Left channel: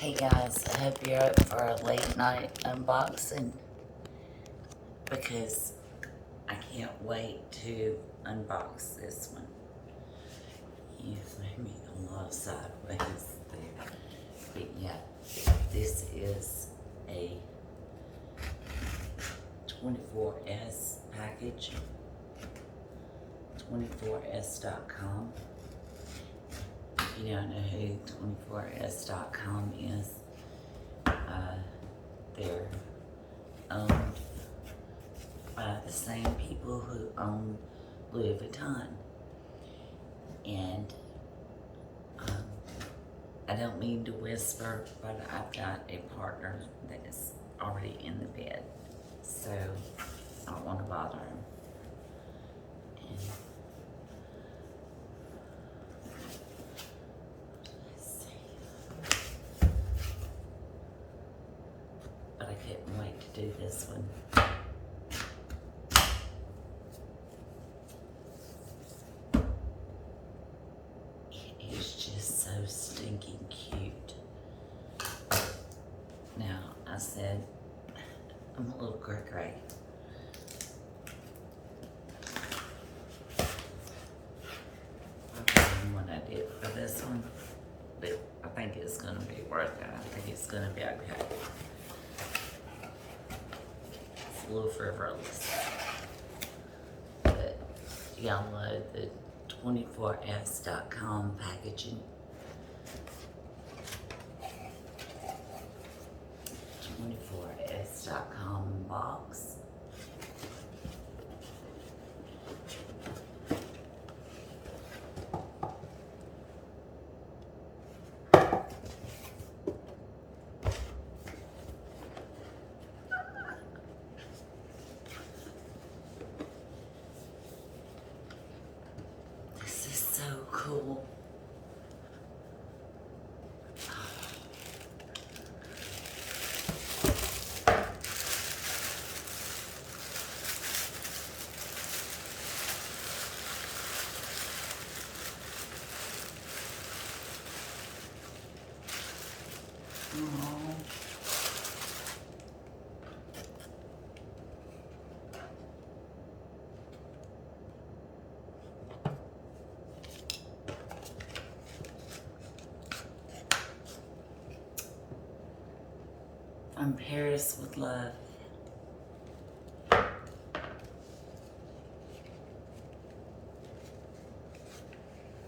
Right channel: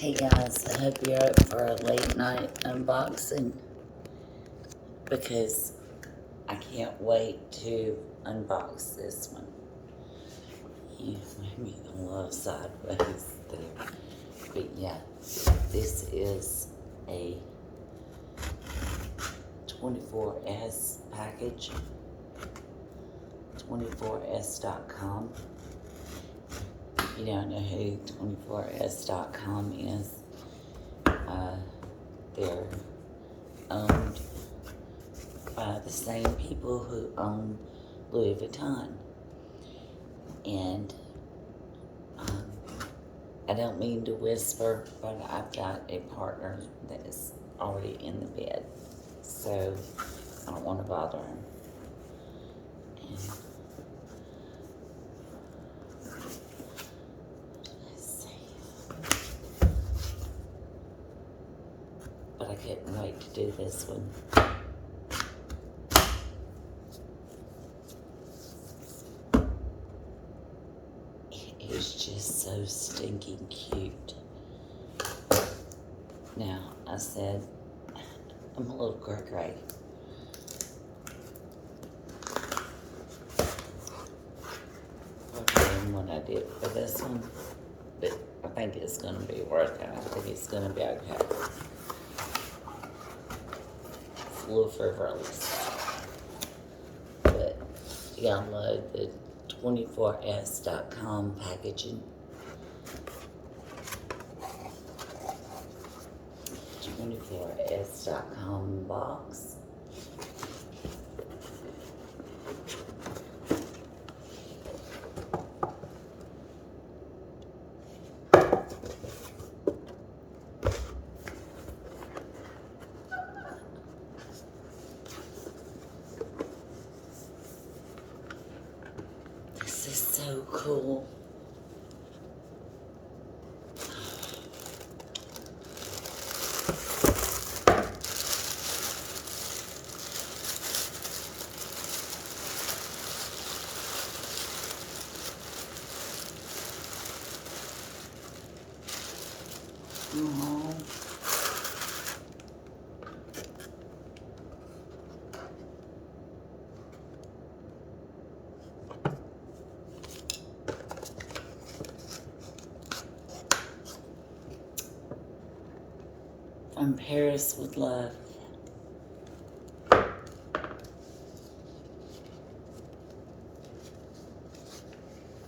Hey guys, I hope you're up for a late night unboxing because I can't wait to unbox this one. Yeah, maybe a little sideways there. But yeah, this is a 24S package, 24S.com. If you don't know who 24S.com is, they're owned by the same people who own Louis Vuitton. And I don't mean to whisper, but I've got a partner that is already in the bed, so I don't want to bother him. And let's see. But I couldn't wait to do this one. It's just so stinking cute. Now, I said, I'm a little cray-cray. Okay, and what I did for this one, but I think it's gonna be worth it. I think it's gonna be okay. It's a little frivolous, but you gotta love the 24S.com packaging. 24S.com box. This is so cool. Aww. From Paris with love.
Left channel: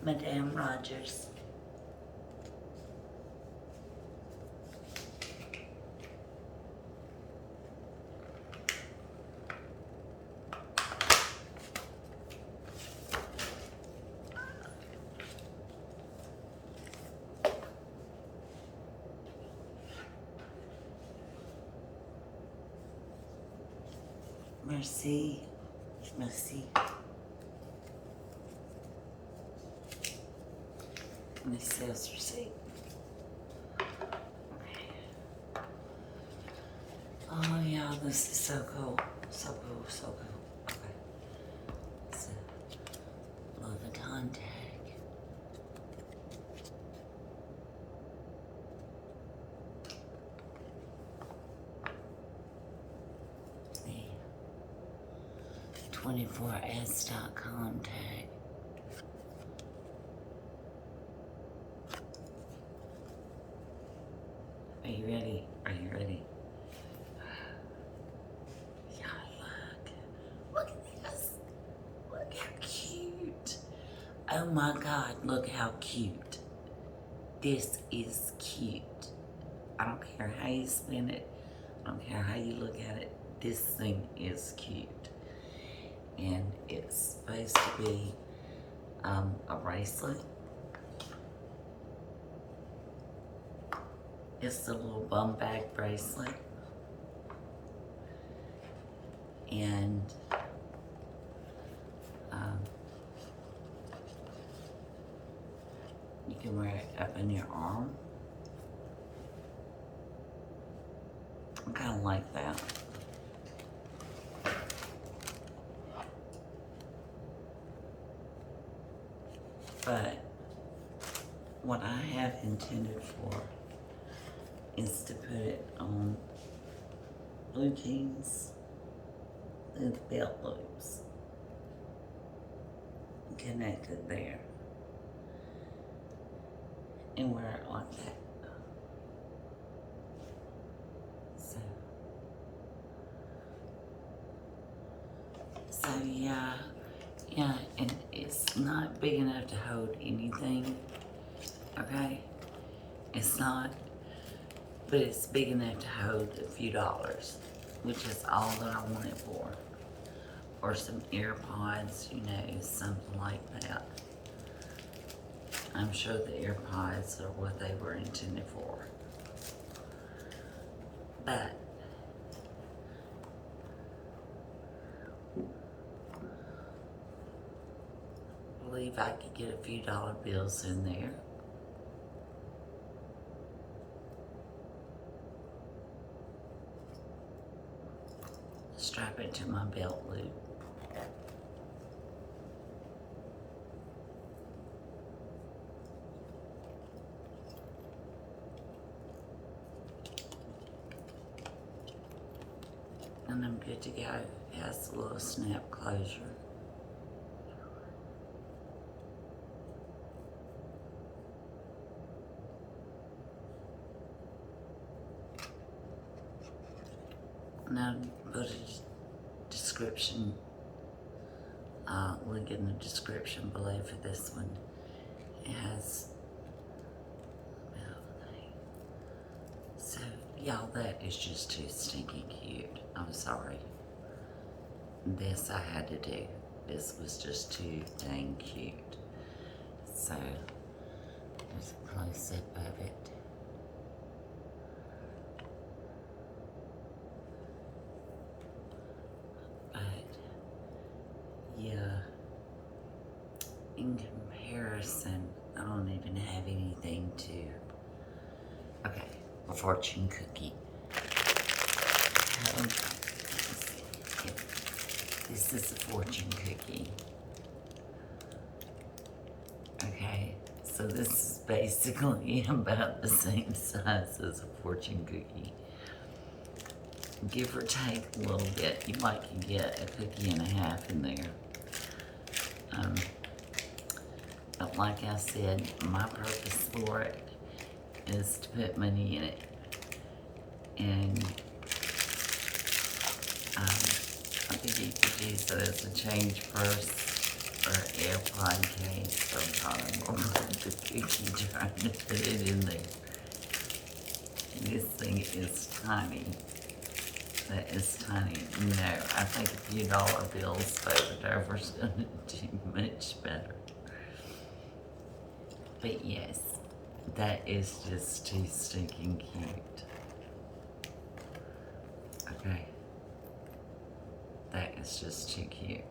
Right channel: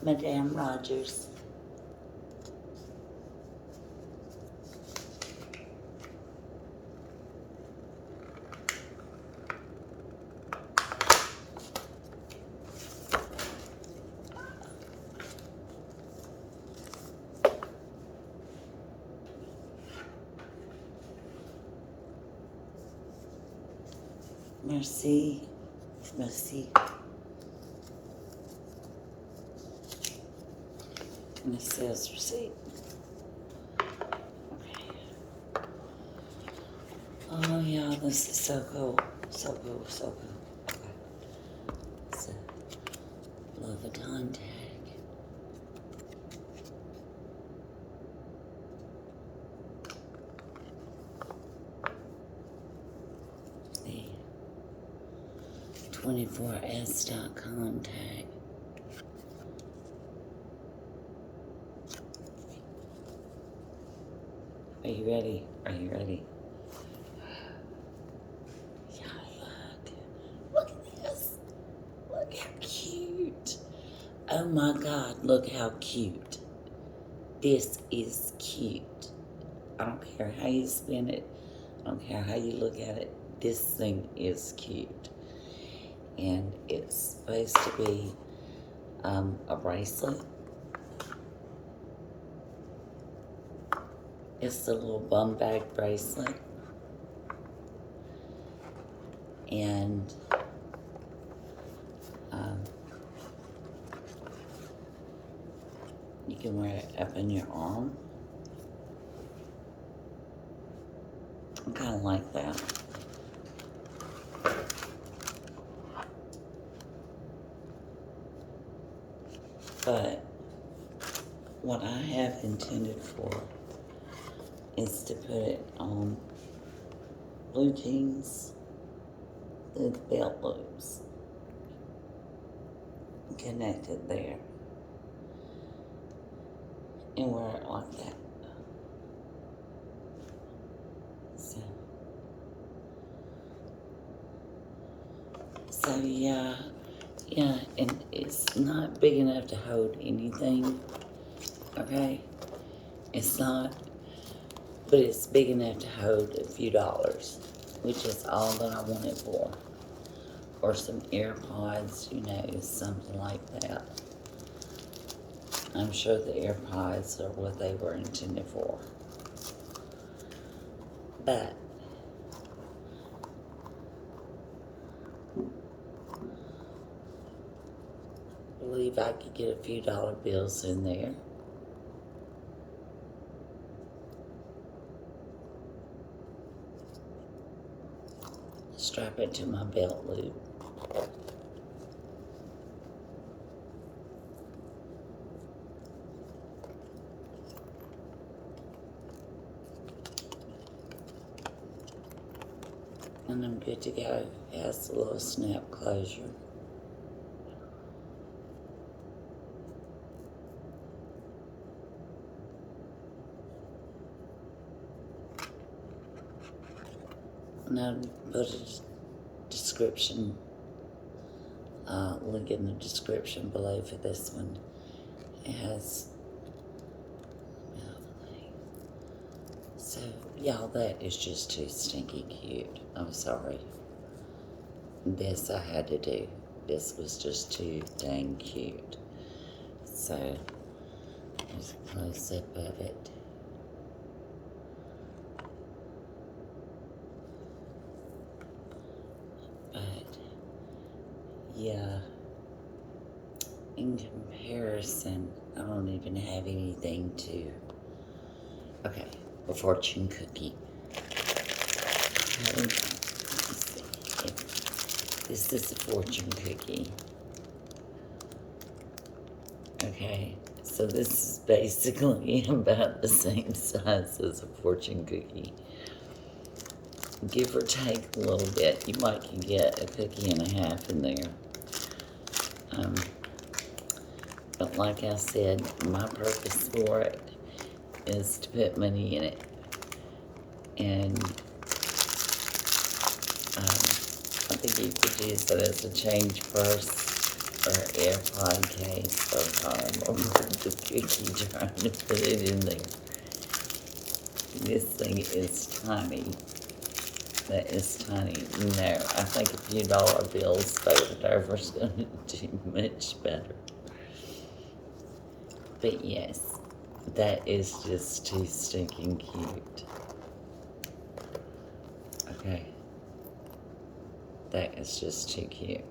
Madame Rogers. Merci. Merci. And the sales receipt. Okay. Oh yeah, this is so cool. So cool, so cool. Okay. It's a Louis Vuitton tag. The 24S.com tag. Are you ready? Are you ready? Yeah, look. Look at this. Look how cute. Oh my God, look how cute. This is cute. I don't care how you spin it. I don't care how you look at it. This thing is cute. And it's supposed to be a bracelet. It's a little bum bag bracelet. And you can wear it up in your arm. I kind of like that. But what I have intended for is to put it on blue jeans through the belt loops. Connected there. And wear it like that. So yeah, and it's not big enough to hold anything, okay? It's not, but it's big enough to hold a few dollars, which is all that I want it for. Or some AirPods, you know, something like that. I'm sure the AirPods are what they were intended for. But I believe I could get a few dollar bills in there. Strap it to my belt loop. And I'm good to go. It has a little snap closure. And I'll put a description, link in the description below for this one. It has, so y'all, that is just too stinky cute. I'm sorry. This I had to do. This was just too dang cute. So, there's a close-up of it. Yeah, in comparison, I don't even have anything to, okay, a fortune cookie. This is a fortune cookie. Okay, so this is basically about the same size as a fortune cookie. Give or take a little bit. You might can get a cookie and a half in there. But like I said, my purpose for it is to put money in it. And I think you could use it as a change purse or AirPod case or the cookie trying to put it in there. This thing is tiny. That is tiny. No, I think a few dollar bills folded over is going to do much better. But yes, that is just too stinking cute. Okay. That is just too cute.